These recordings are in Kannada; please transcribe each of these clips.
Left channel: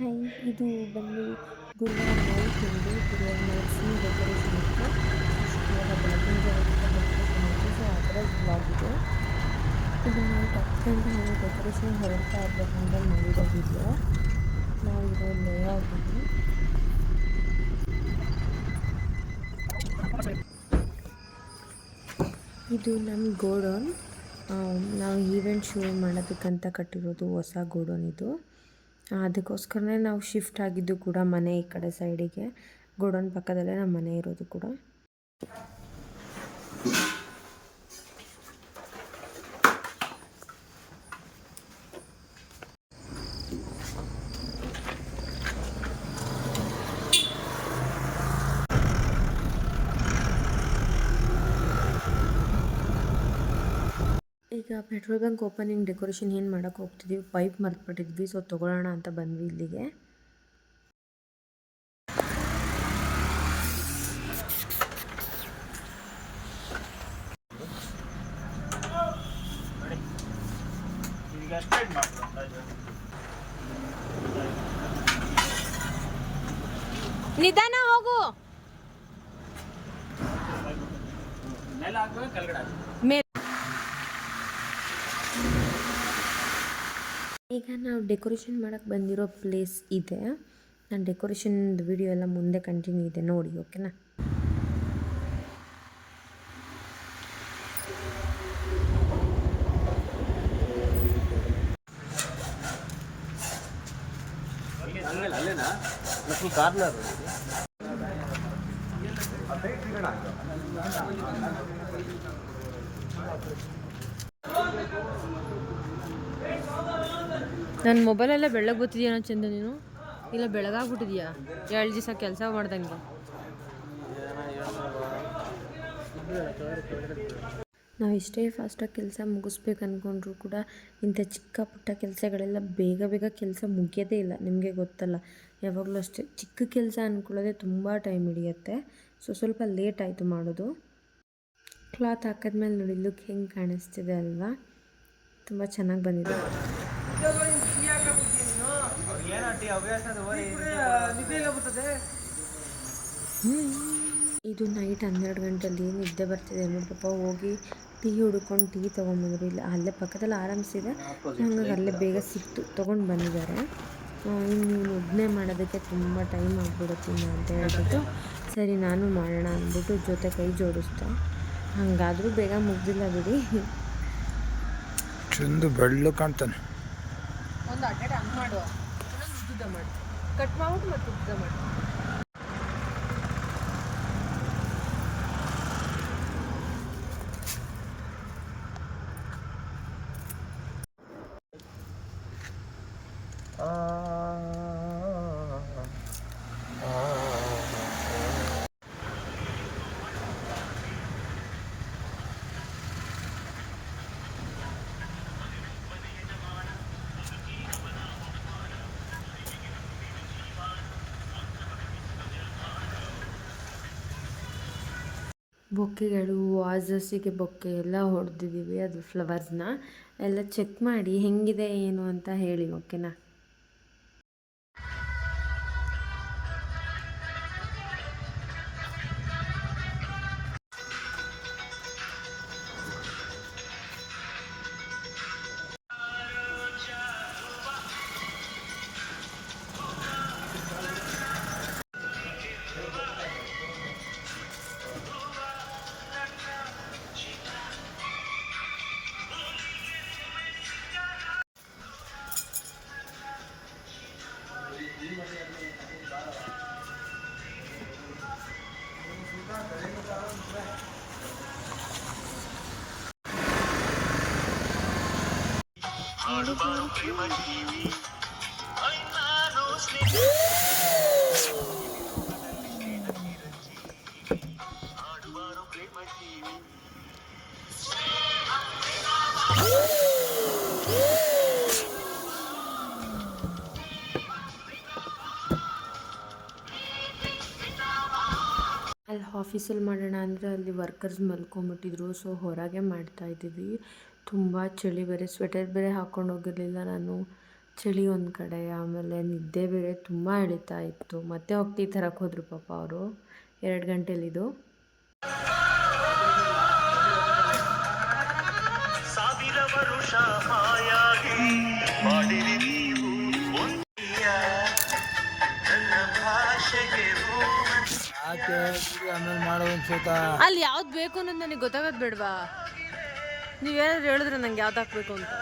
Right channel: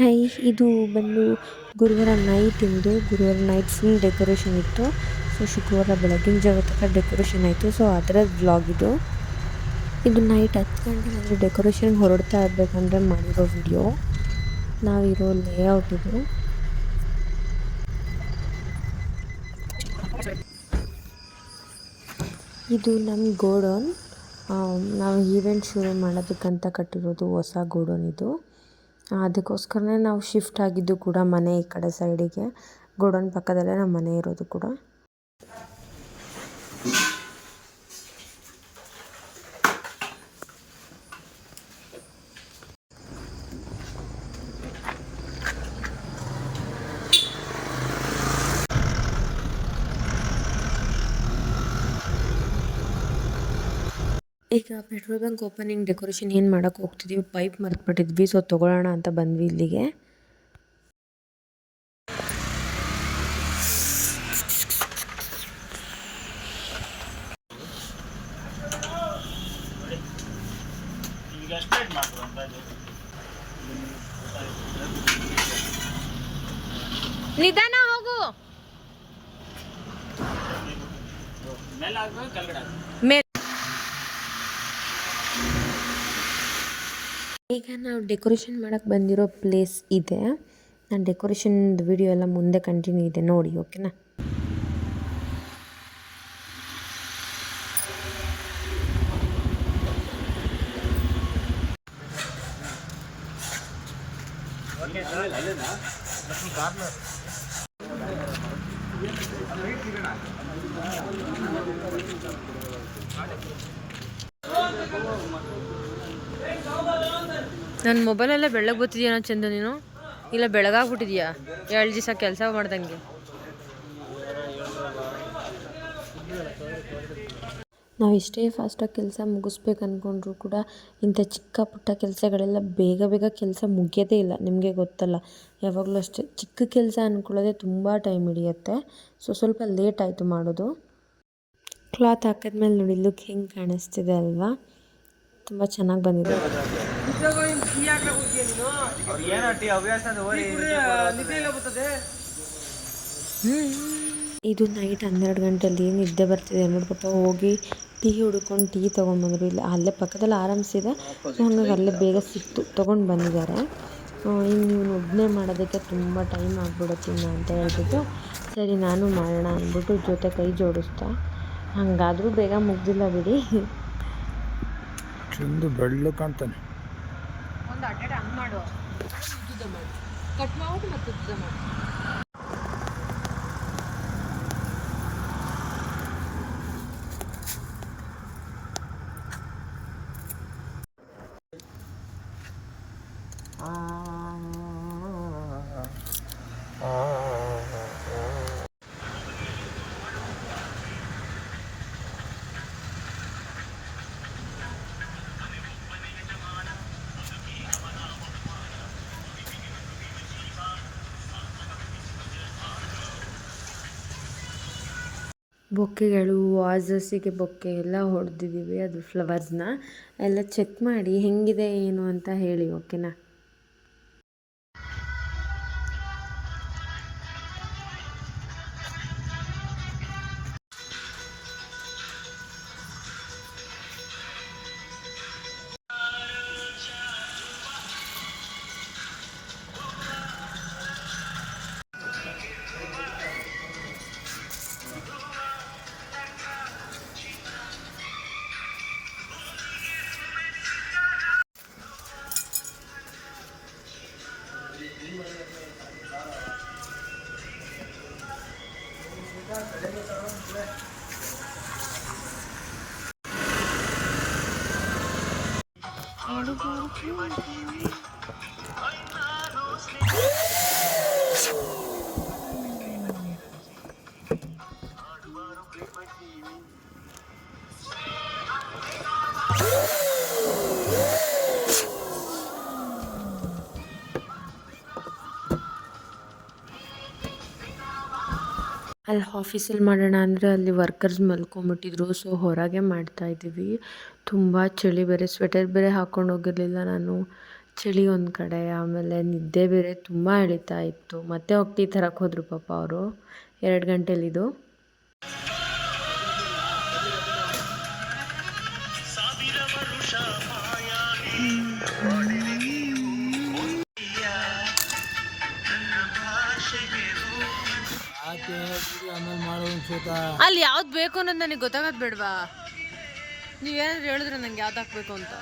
ಹೈ ಇದು ಬಂದು ಗುರುವಾರ ನೈಟ್ ಇಂದು. ಗುರುವಾರ ನೈಟ್ ಫುಲ್ ಡೆಕೋರೇಷನ್ ಇತ್ತು. ಸೊ ಶುಕ್ರವಾರ ಬೆಳಗಿನ ಜಾಗಕ್ಕೆ ಡೆಕೋರೇಷನ್ ಆಯಿತು. ಸೊ ಅದರ ಬ್ಲಾಗ್ ಇದು. ಇದು ನೈಟ್ ಹತ್ತು ನಾವು ಡೆಕೋರೇಷನ್ ಹೊರಡ್ತಾ ಇರಬೇಕಂದ್ರೆ ಮಾಡಿರೋ ವಿಡಿಯೋ ನಾವಿರೋ ಲೇಔಟ್ ಇದು. ಇದು ನಮ್ಮ ಗೋಡೌನ್. ನಾವು ಈವೆಂಟ್ ಶುರು ಮಾಡೋದಕ್ಕಂತ ಕಟ್ಟಿರೋದು ಹೊಸ ಗೋಡೌನ್ ಇದು. ಅದಕ್ಕೋಸ್ಕರನೇ ನಾವು ಶಿಫ್ಟ್ ಆಗಿದ್ದು ಕೂಡ ಮನೆ ಈ ಕಡೆ ಸೈಡಿಗೆ ಗೋಡೌನ್ ಪಕ್ಕದಲ್ಲೇ ನಮ್ಮ ಮನೆ ಇರೋದು ಕೂಡ. ಈಗ ಪೆಟ್ರೋಲ್ ಬಂಕ್ ಓಪನಿಂಗ್ ಡೆಕೋರೇಷನ್ ಏನು ಮಾಡೋಕ್ಕೆ ಹೋಗ್ತಿದ್ದೀವಿ ಪೈಪ್ ಮರೆತ್ಬಿಟ್ಟಿದ್ವಿ ಸೊ ತೊಗೊಳ್ಳೋಣ ಅಂತ ಬಂದ್ವಿ ಇಲ್ಲಿಗೆ. ನಿಧಾನ ಹೋಗು. ಮೇಲೆ ಕೆಳಗಡೆ ಹಾಕ್ಬೇಕು ಮೇಲೆ ನಾವು ಡೆಕೋರೇಷನ್ ಮಾಡಕ್ಕೆ ಬಂದಿರೋ ಪ್ಲೇಸ್ ಇದೆ. ನಾನು ಡೆಕೋರೇಷನ್ ವಿಡಿಯೋ ಎಲ್ಲ ಮುಂದೆ ಕಂಟಿನ್ಯೂ ಇದೆ ನೋಡಿ, ಓಕೆನಾ? ನನ್ನ ಮೊಬೈಲೆಲ್ಲ ಬೆಳಗ್ಗೆ ಬರ್ತಿದ್ಯಾನ ಚಂದ ನೀನು? ಇಲ್ಲ ಬೆಳಗಾಗ್ಬಿಟ್ಟಿದ್ಯಾ ಎರಡು ದಿವಸ ಕೆಲಸ ಮಾಡ್ದಂಗೆ. ನಾವು ಇಷ್ಟೇ ಫಾಸ್ಟಾಗಿ ಕೆಲಸ ಮುಗಿಸ್ಬೇಕು ಅಂದ್ಕೊಂಡ್ರು ಕೂಡ ಇಂಥ ಚಿಕ್ಕ ಪುಟ್ಟ ಕೆಲಸಗಳೆಲ್ಲ ಬೇಗ ಬೇಗ ಕೆಲಸ ಮುಗಿಯೋದೇ ಇಲ್ಲ, ನಿಮಗೆ ಗೊತ್ತಲ್ಲ. ಯಾವಾಗಲೂ ಅಷ್ಟೇ. ಚಿಕ್ಕ ಕೆಲಸ ಅಂದ್ಕೊಳ್ಳೋದೇ ತುಂಬ ಟೈಮ್ ಹಿಡಿಯುತ್ತೆ. ಸೊ ಸ್ವಲ್ಪ ಲೇಟ್ ಆಯಿತು ಮಾಡೋದು. ಕ್ಲಾತ್ ಹಾಕಿದ್ಮೇಲೆ ನೋಡಿ ಲುಕ್ ಹೆಂಗೆ ಕಾಣಿಸ್ತಿದೆ ಅಲ್ವಾ? ತುಂಬ ಚೆನ್ನಾಗಿ ಬಂದಿದೆ. ಇದು ನೈಟ್ ಹನ್ನೆರಡು ಗಂಟೆಯಲ್ಲಿ ನಿದ್ದೆ ಬರ್ತಿದೆ ನೋಡಿ ಪಾಪ. ಹೋಗಿ ಟೀ ಹುಡ್ಕೊಂಡು ಟೀ ತೊಗೊಂಡ್ಬಂದ್ರು. ಇಲ್ಲ ಅಲ್ಲೇ ಪಕ್ಕದಲ್ಲಿ ಆರಾಮ್ಸಿದೆ. ಸೊ ಹಂಗಾಗಿ ಅಲ್ಲೇ ಬೇಗ ಸಿಕ್ತು ತೊಗೊಂಡು ಬಂದಿದ್ದಾರೆ. ಇನ್ನು ನೀವು ಒಬ್ಬನೇ ಮಾಡೋದಕ್ಕೆ ತುಂಬ ಟೈಮ್ ಆಗ್ಬಿಡುತ್ತೆ ಇನ್ನು ಅಂತ ಹೇಳ್ಬಿಟ್ಟು ಸರಿ ನಾನು ಮಾಡೋಣ ಅಂದ್ಬಿಟ್ಟು ಜೊತೆ ಕೈ ಜೋಡಿಸ್ತಾ. ಹಾಗಾದರೂ ಬೇಗ ಮುಗ್ದಿಲ್ಲ ಬಿಡಿ. ಚಂದು ಬೆಳ್ಳು ಕಾಣ್ತಾನೆ. ಒಂದು ಅಡ್ಡ ಹಂಗೆ ಮಾಡು. ಕಟ್ ಮಾಡ್ಬಿಟ್ಟು ಮತ್ತೆ ಉದ್ದ ಮಾಡು ಬೊಕ್ಕೆಗಳು ವಾಸಸ್ಸಿಗೆ ಬೊಕ್ಕೆ ಎಲ್ಲ ಹೊಡೆದಿದ್ದೀವಿ ಅದು ಫ್ಲವರ್ಸ್ನ ಎಲ್ಲ ಚೆಕ್ ಮಾಡಿ ಹೆಂಗಿದೆ, ಏನು ಅಂತ ಹೇಳಿ ಓಕೆನಾ 没问题 ಅಲ್ಲಿ ಆಫೀಸಲ್ಲಿ ಮಾಡೋಣ ಅಂದರೆ ಅಲ್ಲಿ ವರ್ಕರ್ಸ್ ಮಲ್ಕೊಂಬಿಟ್ಟಿದ್ರು. ಸೊ ಹೊರಗೆ ಮಾಡ್ತಾ ಇದ್ದೀವಿ. ತುಂಬ ಚಳಿ ಬೇರೆ ಸ್ವೆಟರ್ ಬೇರೆ ಹಾಕ್ಕೊಂಡು ಹೋಗಿರಲಿಲ್ಲ ನಾನು. ಚಳಿ ಒಂದು ಕಡೆ, ಆಮೇಲೆ ನಿದ್ದೆ ಬೇರೆ ತುಂಬ ಎಳಿತಾ ಇತ್ತು. ಮತ್ತೆ ಹೋಗಿ ಟೀ ತರಕ್ಕೆ ಹೋದರು ಪಾಪ ಅವರು. ಎರಡು ಗಂಟೆಲಿದು. ಆಮೇಲೆ ಅಲ್ಲಿ ಯಾವ್ದು ಬೇಕು ಅನ್ನೋದು ನನಗೆ ಗೊತ್ತಾಗೋದು ಬೇಡವಾ? ನೀವೇನಾದ್ರು ಹೇಳಿದ್ರೆ ನಂಗೆ ಯಾವ್ದು ಹಾಕ್ಬೇಕು ಅಂತ.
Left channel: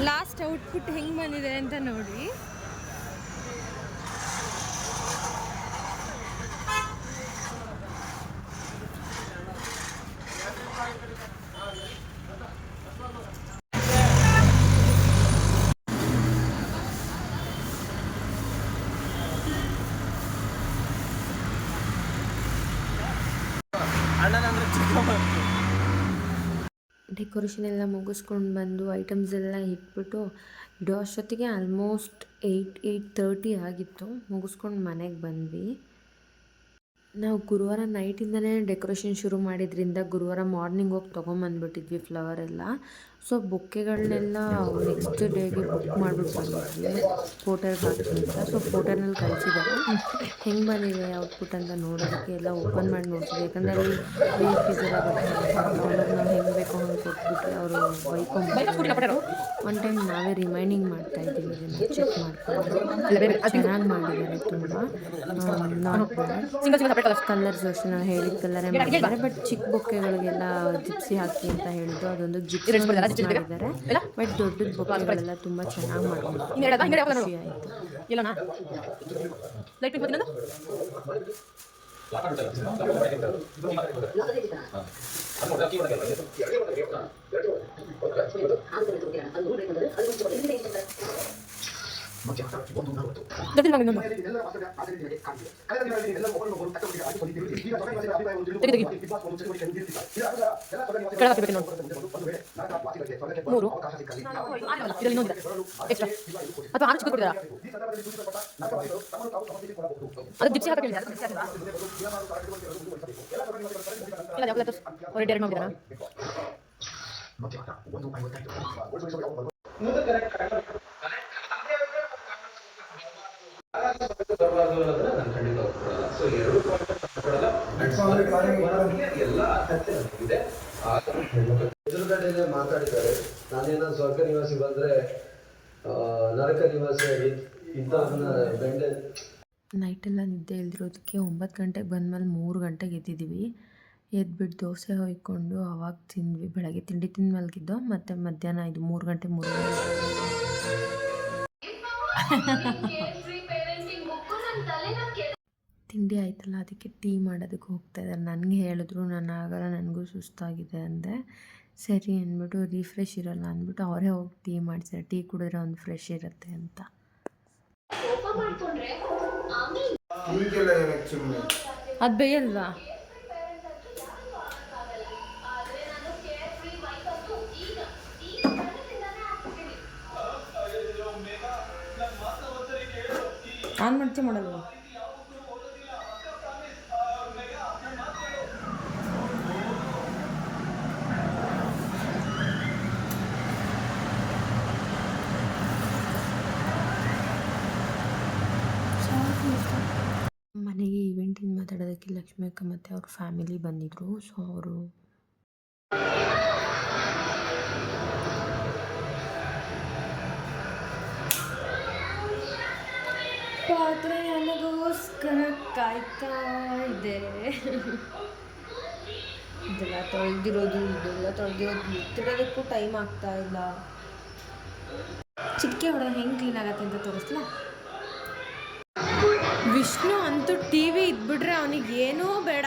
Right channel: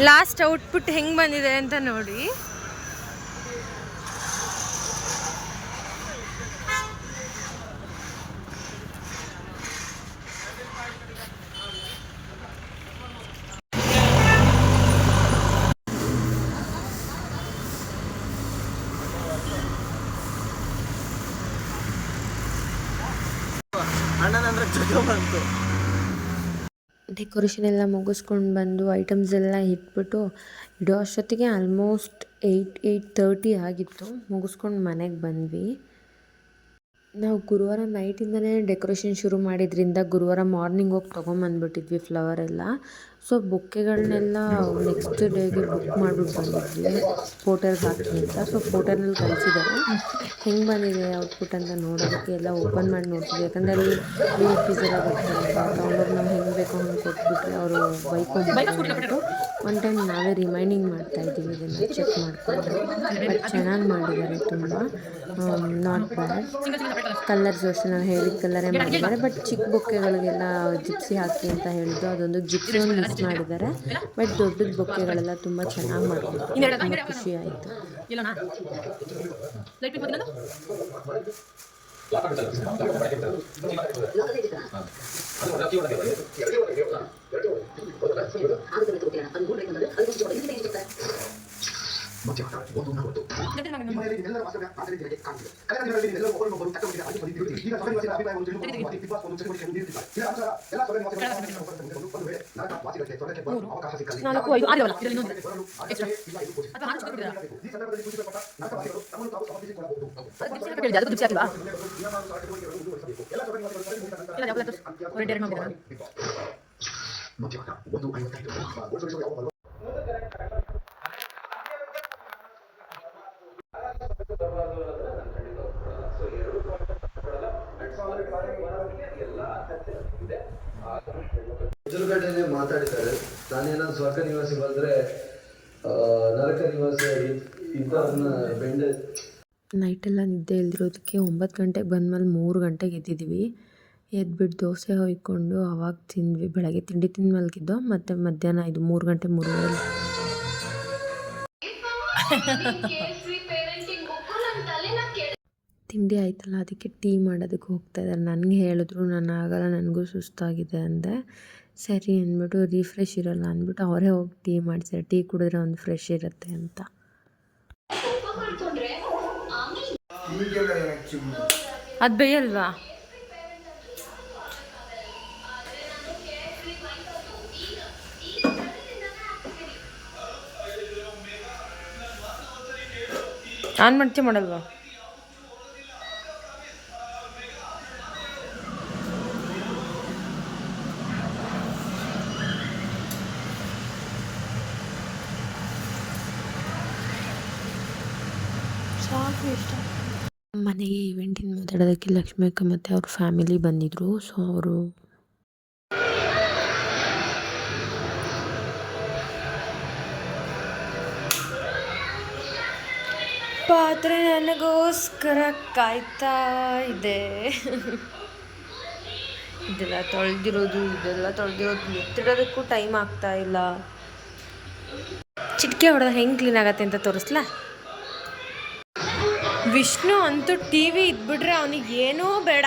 ಲಾಸ್ಟ್ ಔಟ್ಪುಟ್ ಹೆಂಗೆ ಬಂದಿದೆ ಅಂತ ನೋಡಿ. ಡೆಕೋರೇಷನ್ ಎಲ್ಲ ಮುಗಿಸ್ಕೊಂಡು ಬಂದು ಐಟಮ್ಸ್ ಎಲ್ಲ ಇಟ್ಬಿಟ್ಟು ಇಡೋ ಅಷ್ಟೊತ್ತಿಗೆ ಆಲ್ಮೋಸ್ಟ್ ಏಯ್ಟ್ ಏಯ್ಟ್ ತರ್ಟಿ ಆಗಿತ್ತು. ಮುಗಿಸ್ಕೊಂಡು ಮನೆಗೆ ಬಂದ್ವಿ. ನಾವು ಗುರುವಾರ ನೈಟಿಂದಲೇ ಡೆಕೋರೇಷನ್ ಶುರು ಮಾಡಿದ್ರಿಂದ ಗುರುವಾರ ಮಾರ್ನಿಂಗ್ ಹೋಗಿ ತೊಗೊಂಬಂದ್ಬಿಟ್ಟಿದ್ವಿ ಫ್ಲವರ್ ಎಲ್ಲ ಸೊ ಬುಕ್ಕೆಗಳನ್ನೆಲ್ಲ ನೆಕ್ಸ್ಟ್ ಡೇಗೆ ಬುಕ್ ಮಾಡಿಬಿಟ್ಟು ಬಂದಿದ್ವಿ. ಫೋಟೋಗೆ ಹಾಕಿ ಅಂತ. ಸೊ ಫೋಟೋನಲ್ಲಿ ಕಳಿಸಿದ್ದಾರೆ. ಹೆಂಗೆ ಬಂದಿದೆ ಔಟ್ಪುಟ್ ಅಂತ ನೋಡೋದಕ್ಕೆ ಎಲ್ಲ ಓಪನ್ ಮಾಡಿ ನೋಡ್ತೀವಿ ಯಾಕಂದರೆ ಅಲ್ಲಿ ಫ್ರೀ ಫೀಸ್ ಎಲ್ಲ ಬರ್ತಾರೆ ತೊಗೊಂಡೋಗಿ ನಾವು ಹೆಂಗೆ ಬೇಕೋ ಹಂಗೆ ಕೊಟ್ಬಿಟ್ರೆ ಅವರು ಬೈಕೊಂಡ್ಬಿಟ್ಟು ಒನ್ ಟೈಮ್ ನಾವೇ ರಿಮೈಂಡಿಂಗ್ ಮಾಡ್ತಾ ಇದ್ದೀವಿ ಇದನ್ನು ಚೆಕ್ ಮಾಡಿಕೊಂಡು. ಚೆನ್ನಾಗಿ ಮಾಡಿದ್ದಾರೆ ತುಂಬ. ನಾಟ್ ಬ್ಯಾಡ್ ಕಲರ್ಸ್ ಅಷ್ಟೇ ನಾವು ಹೇಳಿದ ಕಲರೇ ಮಾಡಿದ್ದಾರೆ. ಬಟ್ ಚಿಕ್ಕ ಬೊಕ್ಕೆಗಳಿಗೆಲ್ಲ ಜಿಪ್ಸಿ ಹಾಕಿ ಅಂತ ಹೇಳಿದ್ರು. ಅದೊಂದು ಜಿಪ್ಸಿ ಮಿಸ್ ಮಾಡಿದ್ದಾರೆ. ಬಟ್ ದೊಡ್ಡದ ಬೊಕ್ಕೆಗಳೆಲ್ಲ ತುಂಬ ಚೆನ್ನಾಗಿ ಮಾಡ್ಕೊಂಡು ಖುಷಿ ಆಯಿತು. ಲಾಕ್ ಆಗುತ್ತಲ್ಲ ಲಾಕ್ ಆಗುತ್ತಲ್ಲ ಲಾಕ್ ಆಗುತ್ತಲ್ಲ ಲಾಕ್ ಆಗುತ್ತಲ್ಲ ಲಾಕ್ ಆಗುತ್ತಲ್ಲ ಲಾಕ್ ಆಗುತ್ತಲ್ಲ ಲಾಕ್ ಆಗುತ್ತಲ್ಲ ಲಾಕ್ ಆಗುತ್ತಲ್ಲ ಲಾಕ್ ಆಗುತ್ತಲ್ಲ ಲಾಕ್ ಆಗುತ್ತಲ್ಲ ಲಾಕ್ ಆಗುತ್ತಲ್ಲ ಲಾಕ್ ಆಗುತ್ತಲ್ಲ ಲಾಕ್ ಆಗುತ್ತಲ್ಲ ಲಾಕ ಮೂರು ನಾಲ್ಕು ಐದು ಆರು ಅವಲ್ಲ ಇದರಲ್ಲಿ ಇನ್ನೊಂದು ಎಕ್ಸ್ಟ್ರಾ ಅಥವಾ ಆರು ಚಿಕ್ಕ ಕೊಟ್ಟಿದ್ದಾರಾ ಅದು ಜಿಪ್ಸಿ ಹಾಕಿ ಹೇಳಿದೆ ಎದುರುಗಡೆನೆ ಮಾತಾಡಿದ್ದಾರೆ. ನಾನೇನೋ ಸ್ವರ್ಗ ನಿವಾಸಿ ಬಂದ್ರೆ ಆ, ನರಕ ನಿವಾಸಿ ಇಂಥವ್ರನ್ನ ಬೆಂಡೆ ನೈಟೆಲ್ಲ ನಿದ್ದೆ ಇಲ್ದಿರೋದಕ್ಕೆ ಒಂಬತ್ತು ಗಂಟೆಗೆ ಬಂದಮೇಲೆ ಮೂರು ಗಂಟೆಗೆ ಎದ್ದಿದ್ವಿ. ಎದ್ಬಿಟ್ಟು ದೋಸೆ ಹೊಯ್ಕೊಂಡು ಅವಾಗ ತಿಂದ್ವಿ. ಬೆಳಗ್ಗೆ ತಿಂಡಿ ತಿಂದು ಮಲಗಿದ್ದೋ ಮತ್ತೆ ಮಧ್ಯಾಹ್ನ ಇದು ಮೂರು ಗಂಟೆ ಮೂರುವರೆ ತಿಂಡಿ ಆಯ್ತಲ್ಲ, ಅದಕ್ಕೆ ಟೀ ಮಾಡೋದಕ್ಕೆ ಹೋಗ್ತಾ ಇದ್ದಾರೆ. ನನಗೆ ಹೇಳಿದ್ರು ನಾನು ಆಗಲ್ಲ, ನನಗೂ ಸುಸ್ತಾಗಿದೆ ಅಂದೆ. ಸರಿ ಅಂದ್ಬಿಟ್ಟು ರಿಫ್ರೆಶ್ ಇರೋಲ್ಲ ಅಂದ್ಬಿಟ್ಟು, ಅವರೇ ಹೋಗಿ ಟೀ ಮಾಡ್ತಾರೆ ಟೀ ಕುಡಿದ್ರೆ ಒಂದು ಫ್ರೆಶ್ ಇರುತ್ತೆ ಅಂತ. ಅದು ಬೇಯಲ್ವಾ? ಆನ್ ಮಾಡ್ತೀಯ ಮಾಡಲ್ವಾ? ಮನೆಗೆ ಇವೆಂಟಿನ ಮಾತಾಡೋದಕ್ಕೆ ಲಕ್ಷ್ಮಿ ಅಕ್ಕ ಮತ್ತು ಅವ್ರ ಫ್ಯಾಮಿಲಿ ಬಂದಿದ್ದರು ಸೊ ಅವರು ಪಾತ್ರೆ ನನಗೋಸ್ಕರ ಕಾಯ್ತಾ ಇದೆ. ಇದೆಲ್ಲ ತೊಳೆದಿರೋದು ಇದೆಲ್ಲ ತೊಳೆದಿರೋದು, ಎತ್ತಿಡೋದಕ್ಕೂ ಟೈಮ್ ಆಗ್ತಾ ಇಲ್ಲ. ಚಿಟಿಕೆ ಹೊಡೆದ್ರೆ ಹೆಂಗೆ ಕ್ಲೀನ್ ಆಗತ್ತೆ ಅಂತ ತೋರಿಸ್ಲಾ? ವಿಷ್ಣು ಅಂತೂ ಟಿ ವಿ ಇದ್ಬಿಟ್ರೆ ಅವನಿಗೆ ಏನೂ ಬೇಡ.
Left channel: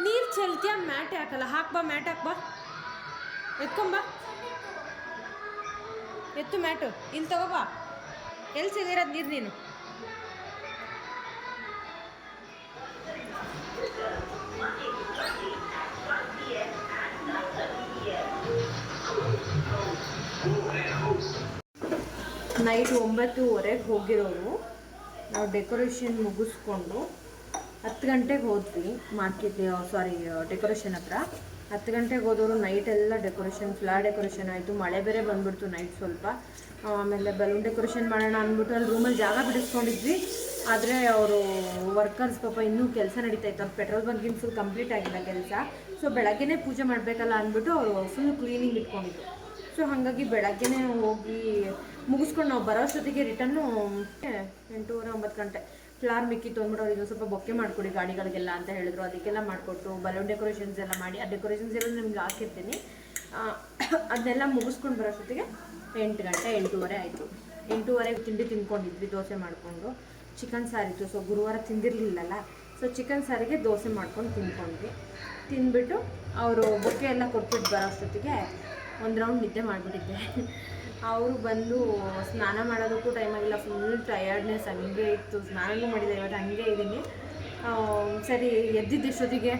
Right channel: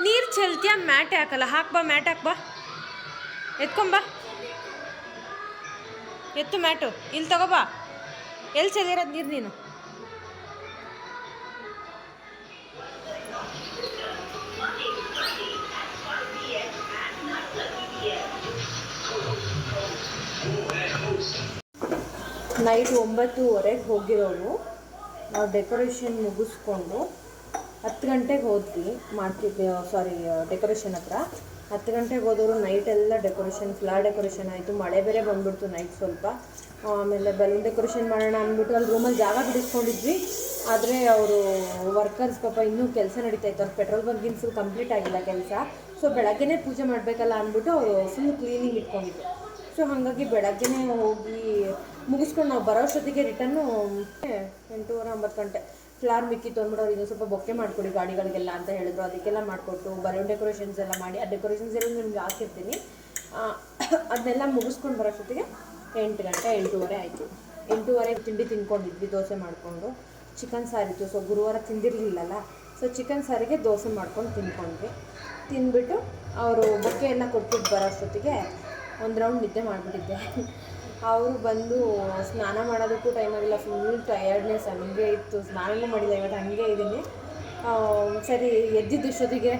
ನೀರು ಚೆಲ್ತೀಯ? ಮ್ಯಾಟ್ ಹಾಕಲ್ಲ. ಹಾಕ್ಬಾ ಮ್ಯಾಟ್ ಹಾಕ್ಬಾ ಎತ್ಕೊಂಬಾ ಎತ್ತು ಮ್ಯಾಟು. ಇಲ್ಲಿ ತಗೋಬಾ ಎಲ್ಲಿ ಚೆಲ್ಲಿರೋದು ನೀರು ನೀನು? ನೈಟ್ ಒಂಬತ್ತುವರೆಗೆ ಹೋಗಿರೋರು ನಾವು ಡೆಕೋರೇಷನ್ ಮುಗಿಸ್ಕೊಂಡು ಹತ್ತು ಗಂಟೆಗೆ ಹೋದ್ವಿ ಮಾರ್ಕೆಟ್ ಸಾರಿ ಡೆಕೋರೇಷನ್ ಹತ್ರ. ಹತ್ತು ಗಂಟೆಗೆ ಹೋದವರು ನೈಟ್ ಎಲ್ಲ ಡೆಕೋರೇಷನ್ ಫ್ಲವರ್ ಡೆಕೋರೇಷನ್ ಆಯಿತು. ಮಳೆ ಬೇರೆ ಬಂದ್ಬಿಡ್ತು ನೈಟ್ ಸ್ವಲ್ಪ. ಆಮೇಲೆ ಬಲೂನ್ ಡೆಕೋರೇಷನ್ ಮಾಡೋಣ ಅಂದ್ಬಿಟ್ಟು ಅಲ್ಲಿ ರೂಮಲ್ಲಿ ಜಾಗ ಬಿಡಿಸ್ಕೊಂಡಿದ್ವಿ. ಆದರೆ ಅವರು ವರ್ಕರ್ಸ್ ಪಾಪ ಇನ್ನೂ ಕೆಲಸ ನಡೀತಾ ಇತ್ತು. ಅವ್ರು ಪೆಟ್ರೋಲ್ ಬಂಕಿನ ಫುಲ್ ಕಂಪ್ಲೀಟ್ ಆಗಿಲ್ಲ ಕೆಲಸ. ಸೊ ಬೆಳಗ್ಗೆನೇ ಪೂಜೆ ಮಾಡಬೇಕಲ್ಲ ಅಂದ್ಬಿಟ್ಟು ಅವರು ಫುಲ್ ಕ್ಲೀನಿಂಗ್ ಇಟ್ಕೊಂಡಿದ್ರು. ಸೊ ಹಾಗಾಗಿ ಬೆಳಗ್ಗೆನೇ ಹೋಗಿ ಮುಗಿಸ್ಕೊಂಡು ನಾವು ಬರೋಷ್ಟೊತ್ತಿಗೆ ರಿಟರ್ನು ಎಂಟೂವರೆ ಒಂಬತ್ತು ಗಂಟೆ. ಫ್ಲಾರ್ ಮಿಕ್ಕಿ ತೊಗೊಂಡ್ಬಿಟ್ಟು ಅವ್ರಿಗೆ ಸ್ವಲ್ಪ ಬೊಕ್ಕೆ ಮಾಡಿಕೊಡಿ ಗಾಡಿಗಳಿಗೆಲ್ಲ ಅಂತ ಹೇಳಿದ್ರು. ಅದಕ್ಕೆಲ್ಲ ಮಾಡಿಕೊಟ್ಟು ಬಲೂನ್ ಡೆಕೋರೇಷನ್ಸ್ ಎಲ್ಲ ಮಾಡಿ, ಆ ಡೆಕೋರೇಷನ್ಸ್ ಎಲ್ಲ ನಿಮ್ಗೆ ಹಾಕಿರ್ತೀನಿ. ಅದನ್ನೆಲ್ಲ ಮುಗಿಸ್ಕೊಂಡು ಬರೋಷ್ಟೊತ್ತಿಗೆ ಎಂಟು ಗಂಟೆ, ಎಂಟೂವರೆ ಆಯಿತು. ಎಂಟೂವರೆಗೆ ತಿಂಡಿ ತಿನ್ಕೊಂಡಿದ್ವಿ ದೋಸೆ ಮಾಡಿಕೊಂಡು. ಚಿಕನ್ ಸಾರಿತ್ತು ಸೊ ಗುರುವಾರ ತಿಂದಿರಲಿಲ್ಲಲ್ಲ. ಸೊ ಚಿಕನ್ ಸಾರಿಗೆ ದೋಸೆ ಮಾಡ್ಕೊಂಡು ತಿನ್ಕೊಂಡ್ವಿ ತಿಂದ್ಬಿಟ್ಟು ಅವರು ಬೊಕ್ಕೆ ಎಲ್ಲ ಕೊಟ್ಬಿಟ್ಟು ಬರೋಷ್ಟೊತ್ತಿಗೆ ಒಂದು ರೌಂಡ್ ನಿದ್ದೆ ಮಾಡಿಬಿಟ್ಟಿದ್ದೆ. ಅವರು ಬಂದು ಸ್ನಾನ ಮಾಡೋದಕ್ಕೂ ಟೈಮ್ ಆಗಿಲ್ಲ. ಫುಲ್ ಟಯರ್ಡ್ನೆಸ್ ಹಂಗೆ ಇತ್ತು. ಸ್ನಾನನೂ ಮಾಡಿಲ್ಲ ಇವತ್ತು ಹಂಗೆ ಇದ್ದೀನಿ. ಸರಿ, ಎದ್ದಿದ್ದ ಇಷ್ಟೊತ್ತಿಗೆ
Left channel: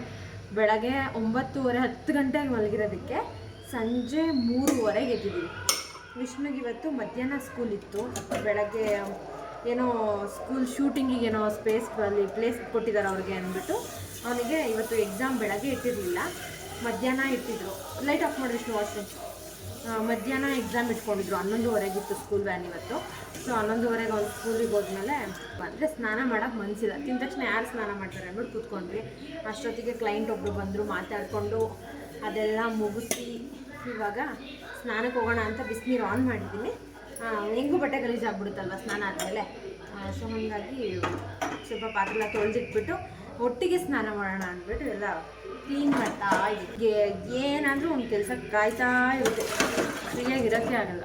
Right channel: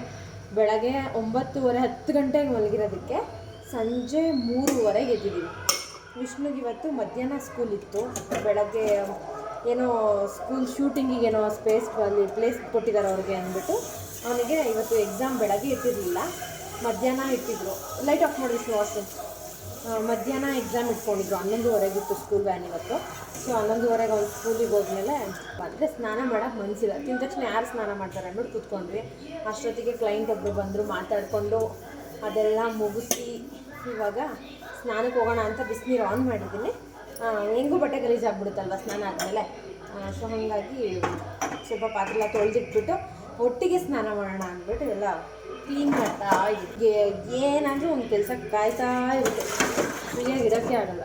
ಬೆಳಗ್ಗೆ ಒಂಬತ್ತುವರೆ, ಹತ್ತು ಗಂಟೆಗೆ ಮಲಗಿರೋದಕ್ಕೆ ಸಂಜೆ ಮೂರುವರೆಗೆ ಎದ್ದಿದ್ದೀವಿ ವಿಷ್ಣುಗೆ ಇವತ್ತು ಮಧ್ಯಾಹ್ನ ಸ್ಕೂಲ್ ಇತ್ತು. ಬೆಳಗ್ಗೆ ಏನೋ ಸ್ಕೂಲ್ ಶೂಟಿಂಗಿಗೆ ಏನೋ ಸ್ಪೇಸ್ ಅಲ್ಲಿ ಪ್ಲೇಸ್ ಕೊಟ್ಟಿದ್ದಾರೆ ಅವ್ರಿಗೆ ಅಂದ್ಬಿಟ್ಟು ಅವನಿಗೆ ಇವತ್ತು ಎಕ್ಸಾಮ್ ಬೆಳಗ್ಗೆ ಇಟ್ಟಿರಲಿಲ್ಲ. ಮಧ್ಯಾಹ್ನ ಇಟ್ಟಿದ್ರು. ಲೈಟ್ ಆಫ್ ಮಾಡಿ ವಿಷ್ಣು ಮಧ್ಯಾಹ್ನ ಎಕ್ಸಾಮ್ ಇಟ್ಕೊಂಡಿದ್ರು. ಹನ್ನೊಂದುವರೆಗಿತ್ತು ಸ್ಕೂಲ್ ವ್ಯಾನ್ ಇವತ್ತು. ಸೊ ಹನ್ನೊಂದುವರೆಗೆ ಒಂದು ಸ್ಕೂಲಿಗೆ ಹೋದ್ಮೇಲೆ ಅಂದರೆ ಸ್ನಾನ ಮಾಡೋಕ್ಕೆ ಮನಸ್ಸಿಲ್ಲ ತಿಂದ ತಕ್ಷಣ ಯಾರು ಸ್ನಾನ ಮಾಡ್ತಾರೆ ಅಂದ್ಬಿಟ್ಟು ಕೂತ್ಕೊಂಡ್ವಿ. ಅಷ್ಟೊತ್ತಿಗೆ ಕ್ಲೈಂಟ್ ಒಬ್ಬರು ಬಂದರು, ಮಾತಾಡಿಕೊಂಡು ಅದೆಲ್ಲ ಮುಗಿಸಿ ಇವಾಗ ಸ್ನಾನಕ್ಕೆ ಹೋಗೋಣ ಅಂತ ಬಿಸಿನೀರು ಆನ್ ಮಾಡಿದ್ದೀನಿ. ಹೆಂಗೂ ಬಟ್ಟೆ ಗಲೀಜಾಗ್ಬಿಡುತ್ತಲ್ವ ಸ್ನಾನ ಆದಮೇಲೆ? ಸೊ ಹಾಗಾಗಿ ಸ್ವಲ್ಪ ಪಾತ್ರೆಲ್ಲ ತೊಳೆದಿಟ್ಬಿಟ್ಟು ಒಟ್ಟಿಗೆ ಸ್ನಾನ ಮಾಡೋಣ ಅಂದ್ಬಿಟ್ಟು ಎಲ್ಲ ಕ್ಲೀನ್ ಮಾಡ್ತಾ ಏನಾದರೂ ಒಂದು ಕೆಲಸ ಕಾಯ್ತಾ ಇರುತ್ತೆ. ಫ್ರೀಯಾಗಿ ಇರೋಕ್ಕೆ ಆಗಲ್ಲ.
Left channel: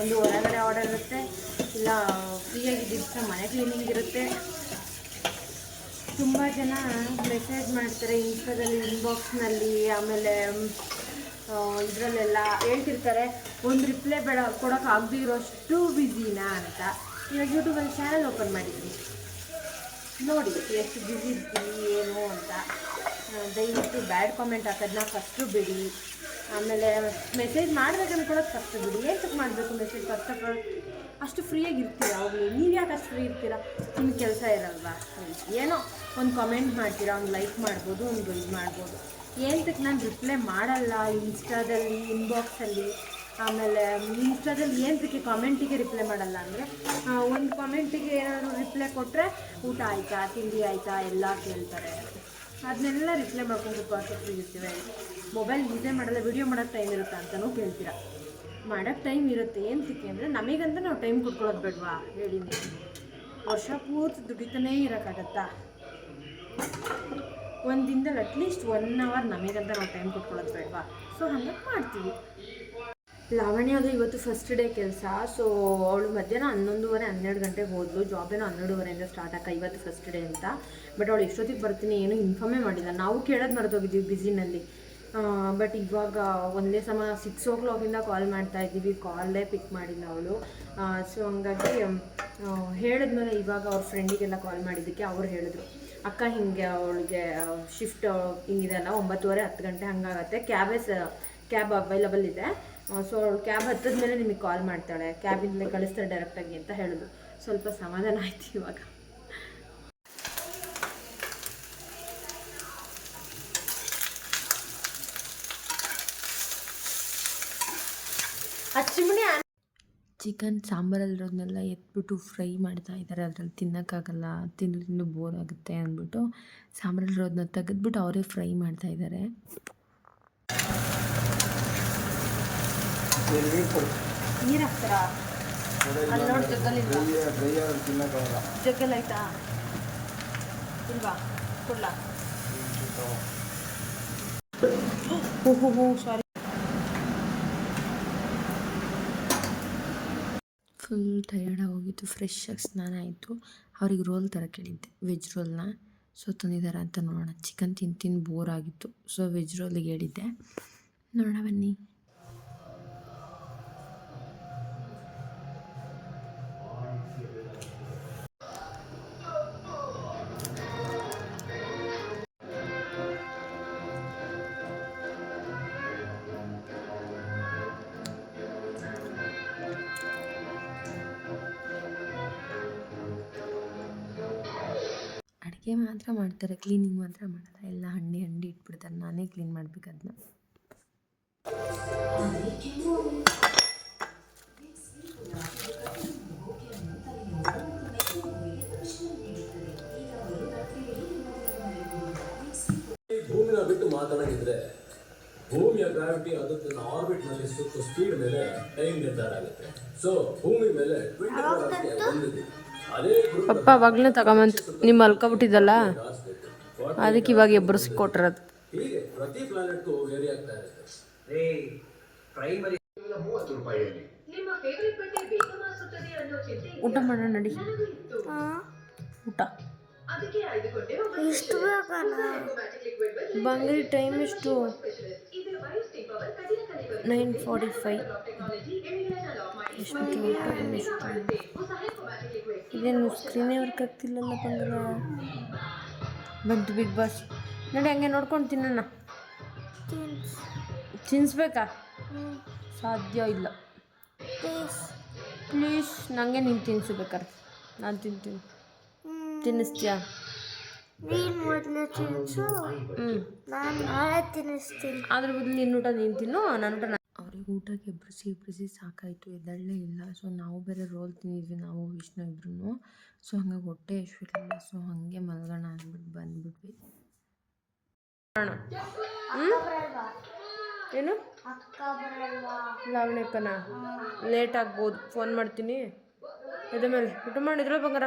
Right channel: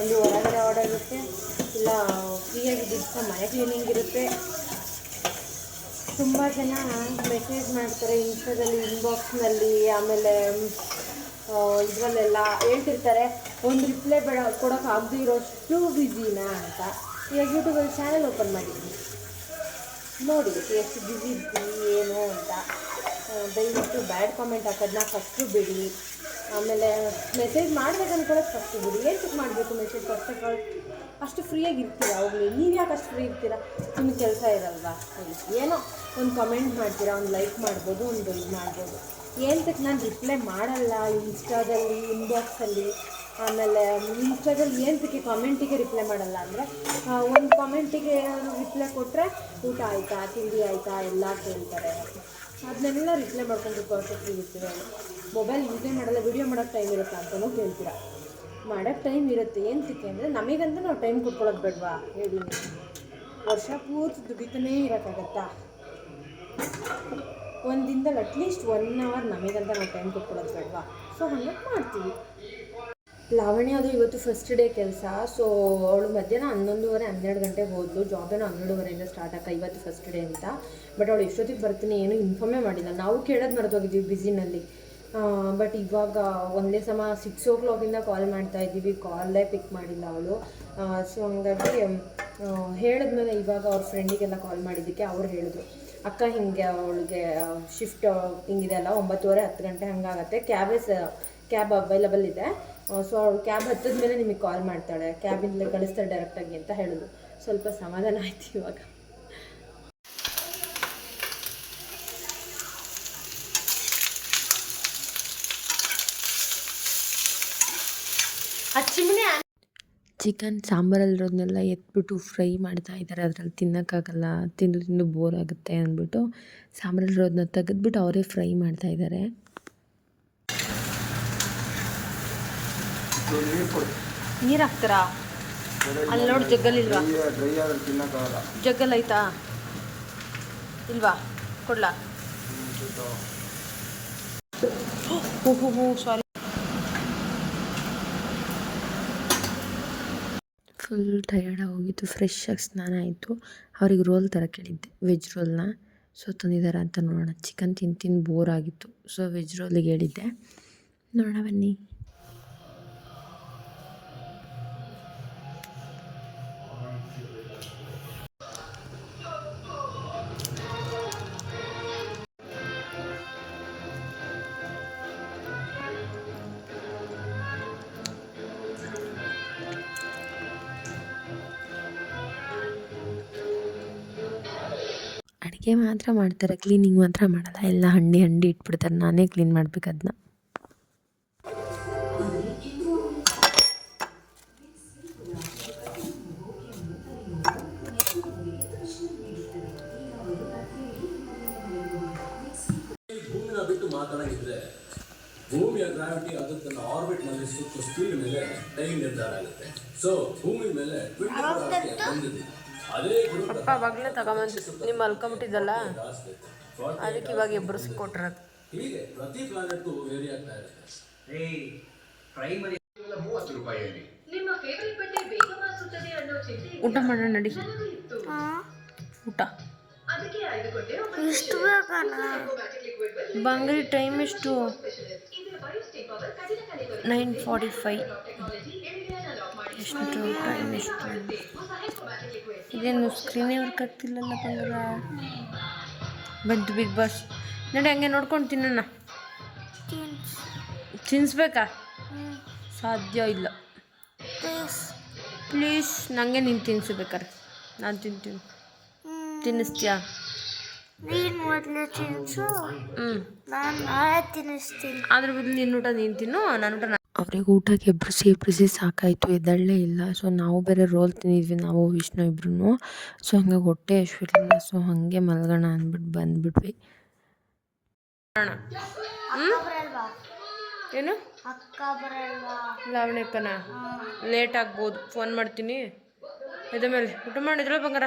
ಒಂದು ಹೊರಗಡೆ ಆರ್ಡರ್ ಇರುತ್ತೆ, ಇಲ್ಲ ಫ್ರೀಯಾಗಿ ಇದ್ದಿದ್ದು ಮನೆ ಕ್ಲೀನಿಂಗ್ ಇರುತ್ತೆ. ತುಂಬ ಜನ ಮೆಸೇಜ್ ಮಾಡ್ತಾರೆ ಇನ್ಸ್ಟಾದಲ್ಲಿ ಇನ್ಬಾಕ್ಸ್ನಲ್ಲಿ ಆಮೇಲೆ ಇದರಲ್ಲೆಲ್ಲ ಹೇಳ್ತಿರ್ತಾರೆ, ಒಂದು ರಿಪ್ಲೈ ಬೇಡ ಕೊಡೋಕೆ ಆಗದೇ ಇರೋಷ್ಟು ಬ್ಯುಸಿನಾ ಅಂತ. ಈಗ ಯೂಟ್ಯೂಬಲ್ಲಿ ಚಾನಲ್ ಓಪನ್ ಮಾಡಿದ್ದೀನಿ. ನೋಡಿ, ಎಷ್ಟು ಬ್ಯುಸಿ ಇದ್ದೀವಿ ಏನು ಅಂತ. ದಯವಿಟ್ಟು ಬ್ಯಾಡ್ ಕಾಮೆಂಟ್ ಹಾಕೋದನ್ನ ಫಸ್ಟು ಬಿಡಿ. ಆಮೇಲೆ ಮೆಸೇಜ್ ಮಾಡ್ಬೇಕು ಫಸ್ಟ್ ಬಿಡಿ. ಏನಕ್ಕೆ ಮಾಡಬೇಕು ಮೆಸೇಜ್ ಫಸ್ಟ್ ಅಷ್ಟು ಫ್ರೀಯಾಗಿ ಇರ್ತೀರಾ ಅವಾಗಲೂ ನೀವು ಯಾಕೆ ಅಷ್ಟು ಫ್ರೀ ಇರ್ತೀರಾ? ನಿಮ್ಗೆ ಕೆಲಸ ಇರಲ್ವಾ. ಏನೋ ಒಂದು ಕಮೆಂಟ್ ಮಾಡ್ತೀರಾ, ಒಂದು ಲೈಕ್ ಮಾಡ್ಬೋದು, ಒಂದು ಇದು ಮಾಡ್ಬೋದು. ಏನಕ್ಕೆ ನಾನು ರಿಪ್ಲೈ ಮಾಡಲ್ಲ ಇನ್ಸ್ಟಾದಲ್ಲಿ ಇನ್ಬಾಕ್ಸಲ್ಲಿ ಆಮೇಲೆ ಇನ್ಸ್ಟಾದಲ್ಲಿ ಏನಕ್ಕೆ ಕಾಮೆಂಟಿಗೆ ರಿಪ್ಲೈ ಮಾಡಲ್ಲ ಅಂದರೆ ಒಂದು ಕಾಮೆಂಟಿಗೆ ಏನಾದರೂ ರಿಪ್ಲೈ ಕೊಟ್ಟರೆ ಊಟ ಆಯಿತಾ, ತಿಂಡಿ ಆಯಿತಾ, ಎಲ್ಲ ಕೇಳ್ತಾರೆ. ಅದನ್ನೆಲ್ಲ ರಿಪ್ಲೈ ಮಾಡ್ಕೊಂಡು ಫ್ರೀ ಇರ್ತೀವಿ ಮೊಬೈಲ್ ಯೂಸೇ ಮಾಡಲ್ಲ ವಿಡಿಯೋ ಮಾಡೋಕ್ಕೆ ಟೈಮ್ ಇರುತ್ತೆ ಅಂತಲೂ ಕೇಳ್ತೀರಾ? ಮಾಡೋಕ್ಕೆ ಟೈಮ್ ಇರುತ್ತೆ. ಏನಕ್ಕೆ ಅಂದರೆ ನಮಗಂತ ನಾವು ಟೈಮ್ ಕೊಟ್ಕೊಳ್ಳೋದು ಬೇಡವಾ? ಹೇಳಿ ವರ್ಷ ಪೂರ್ತಿ ದುಡಿತನೇ ಇರೋಕ್ಕಾಗತ್ತಾ? ಒಂದು ದಿನದಲ್ಲಿ ಅಟ್ಲೀಸ್ಟ್ ಒನ್ ಅವರ್ ನಮಗಂತ ನಾವು ಟೈಮ್ ಕೊಟ್ಕೊಳ್ಳೋದು ಬೇಡವಾ? ಸೊ ಹಂಗಾಗಿ ಮಾಡ್ತೀವಿ. ಲಾವಣ್ಯ ಅದು ಇವತ್ತು ಫಸ್ಟ್ ಡೇ ಕೆಲಸ ಸೊ ಅವಳು ಮಧ್ಯಾಹ್ನ ಹನ್ನೊಂದುವರೆ, ಹನ್ನೆರಡು ಗಂಟೆಗೆ ಹೋದ್ಲು. ಜಾಬೇನೋ ಹನ್ನೆರಡುವರೆಯಿಂದ ಸ್ಟಾರ್ಟ್ ಆಗ ಇವತ್ತು ಫಸ್ಟ್ ಡೇ ಅಂತ. ಬಟ್ ಅವಳು ಎಷ್ಟೊತ್ತಿಗೆ ಬರ್ತೀನಿ ಏನು ಇನ್ಫಾರ್ಮೇ ಮಾಡಿಲ್ಲ. ನಾವು ಕೇಳೋದು ಮರೆತೋಗಿದ್ದೀವಿ ಬ್ಯುಸಿನಲ್ಲಿ ಬಟ್ ಇವಾಗ ಒಂದೇ ಸಮ ಸಿಕ್ಸ್ ಓ ಕ್ಲಾಕಿಂದ ಕಾಲ್ ಮಾಡ್ತಾ ಇದ್ದೀವಿ. ಕಾಲೇ ಪಿಕ್ ಮಾಡಿಲ್ಲ ಅವಳು. ಸೊ ಹಂಗಾಗಿ ಹೇಳಿದ್ಮೇಲೆ ಇವಾಗ ಅವ್ರ ಫ್ರೆಂಡಿಗೆಲ್ಲ ಕಾಲ್ ಮಾಡಿದ್ದಕ್ಕೆ ಅವ್ರು ಹೇಳಿದ್ರು. ಅಕ್ಕ ಹಿಂಗೆ ಅವಳಿಗೆ ಶಿಫ್ಟ್ ಹಿಂಗಿದೆ ಅಲ್ಲ, ಒಂಬತ್ತುವರೆ ಹತ್ತು ಗಂಟೆ ಹಂಗಾಗತ್ತೆ. ಕ್ಯಾಬೇ ಕ್ಯಾಬ್ ಅವೈಲಬಲ್ ಇದೆ. ಸೊ ಅವಳು ಕ್ಯಾಬ್ ಹತ್ತದ ಮೇಲೆ ನಿಮಗೆ ಕಾಲ್ ಮಾಡ್ತಾಳೆ. ಕ್ಯಾಬಿಂದಲೇ ಕಳಿಸ್ತಾಳೆ ಡೈರೆಕ್ಟಾಗಿ ಅಂತ ಹೇಳಿದ್ರು ಸ್ವಲ್ಪ ಸಮಾಧಾನ ಆಯ್ತು ಇವಾಗ. ಚಿಕನ್ ಸಾಂಬಾರಲ್ಲಿರೋದನ್ನೆಲ್ಲ ಎತ್ಬಿಟ್ಟು ಫ್ರೈ ಮಾಡ್ತಾ ಇದ್ದಾರೆ. ಅದರಲ್ಲಿ ತಿನ್ನೋಕ್ಕಾಗಲ್ಲ. ತಿಂದು ತಿಂದು ಬೋರ್ ಆಗುತ್ತೆ ಅಂದ್ಬಿಟ್ಟು ಸಾಂಬಾರಲ್ಲಿರೋದನ್ನ ತೆಗೆದ್ಬಿಟ್ಟು ಅವರೇ ಫ್ರೈ ಮಾಡ್ತಾ ಇದ್ದಾರೆ. ನೀರು ಹಾಕ್ತಾರಾ? ಅಲ್ಲಿ ನೋಡಿ ತಿನ್ನೋಕ್ಕಾಗಲ್ಲ. ಜಗ್ಗಲ್ ಆಯ್ತಾ? ಇಲ್ವಾ? ಕೊಡ್ಲಾ. ಹೋ ಹೋ ಹೋ ಸಾರಿ ಫುಲ್ ಟಯರ್ಡಾಗಿ ಹೋಗಿತ್ತು ಫ್ರೆಶ್ ಆಗಿ ಸ್ನಾನ ಆಯಿತು. ಅವ್ರಿಗೆ ರೋಲ್ ಥರ ಕೇಳಿದ್ದೆ ವೆಜ್ ರೋಲ್ನ ಸೊ ತಂದಿದ್ದಾರೆ ಅಂತ ನೋಡೋಣ. ಚಿಕನ್ ತಿಂದು ತಿಂದು ಬೋರ್ ಆಗಿತ್ತು ಸೊ ವೆಜ್ ರೋಲಿಗೆ ಹೇಳಿದ್ದೆ. ನೋಡೋಣ ಬನ್ನಿ. ಅಡುಗೆ ಮಾತ್ರ ಮಾಡ್ತಾರೆ. ಕ್ಲೀನಿಂಗ್ ಮಾತ್ರ ಮಾಡಲ್ಲ. ಎಲ್ಲ ಹಣ್ಣಿ ಹಂಡಿ ಇಟ್ಬಿಡ್ತಾರೆ. ನಾನೇ ಕ್ಲೀನ್ ಮಾಡ್ಬೇಕು ಅದನ್ನ ಮಾತಾಡೋದಿದ್ರೆ ಭೂಮಿಯ ಗ್ರಾವಿಟಿ ಅದು ತನ್ನ ಆರ್ಬಿಟ್ನಲ್ಲಿ ಸುತ್ತ ಸ್ಪೀಡ್ ಮೇಲೆ ಟೈಮ್ ನಿರ್ಧಾರ ಆಗುತ್ತೆ. ಸೊ ಭೂಮಿ ಮೇಲೆ ಒಂದು ಪಪ್ಪ ಅವಾಗಲೇ ತಗೊಂಬಂತು ನಿಮ್ಮ ಮಲ್ಕೊಬಿಟ್ಟಿದ್ದಲ್ಲ? ಅದಕ್ಕೆ ಇವಾಗ ಎಬ್ಬರಿಸಿ ಕೊಟ್ಟಿರೋದು. ಊಟ ಮಾಡೋಣ ನಡಿ. ಊಟ. ಎಷ್ಟು ಬಂಗಡಿ ಟೈಮ್ ಎಷ್ಟು ನೈನ್ ಫಾರ್ಟಿ ಫೈವ್ ಎಷ್ಟು ಟೈಮ್ ಎಷ್ಟು ಇದೇನು ಸ್ಕ್ರೀನೇ ವರ್ಕ್ ಆಗ್ತಿಲ್ಲಲ್ಲ ಬಂಗಾರ? ಬಂತು ಬಿಗ್ ಬಾಸ್ ನೋಡಿ ಹಂಗೆ ನೋಡ್ಕೊಂಡು ತಿನ್ನೋಣ ತಿನ್ಸ್ಬೇಕಾ? ಸಾಧ್ಯ ಇಲ್ಲ. ಪ್ಲೀಸ್ ನನಗೆ ನೀನು ಬೇಕಾರೆ ನಾನು ತಿಂತೀನಿ. ತಿನ್ನಿಸ್ತೀಯಾ? ನೀನು ಮೊದಲು ಹ್ಞೂ ನಾನು ನಾಳೆ ತಿನ್ನಿಸ್ತೀನಿ. ಅದ್ರ ಬದಲು ನಿನ್ನ ಊಟ ನೀನು ತಿನ್ನು ನನ್ನ ಊಟ ಅವ್ರಿಗೆ ಊಟಕ್ಕೆ ಎಬ್ಬಿಸಿ ಎಬ್ಬಿಸಿ ಸಾಕಾಯಿತು ಎದ್ದಳ್ಳೇ ಇಲ್ಲ. ಸೊ ನಾವು ಬೇರೆ ರೋಲ್ ತಿಂದಿದ್ವಿ ನಾವು ವಿಷ್ಣು ಇಬ್ರು ಸೊ ಹಂಗಾಗಿ ಹೊಟ್ಟೆ ಇರಲಿಲ್ಲ ಸೊ ಹಾಗೆ ಮಲ್ಗೋಣ ಅಂದ್ಬಿಟ್ಟು ಬಂದ್ಬಿಟ್ವಿ. ಏನು? ಲಾವಣ್ಯಕ್ಕನ ಲೇಟ್ ಆಗ್ಬೋದು. ಫೋನ್ ಮಾಡ್ತೀನಿ. ಎದ ಮೇಲೆ. ಊಟ ಮಾಡಿದ್ರಲ್ಲ ಬಂಗಾರ?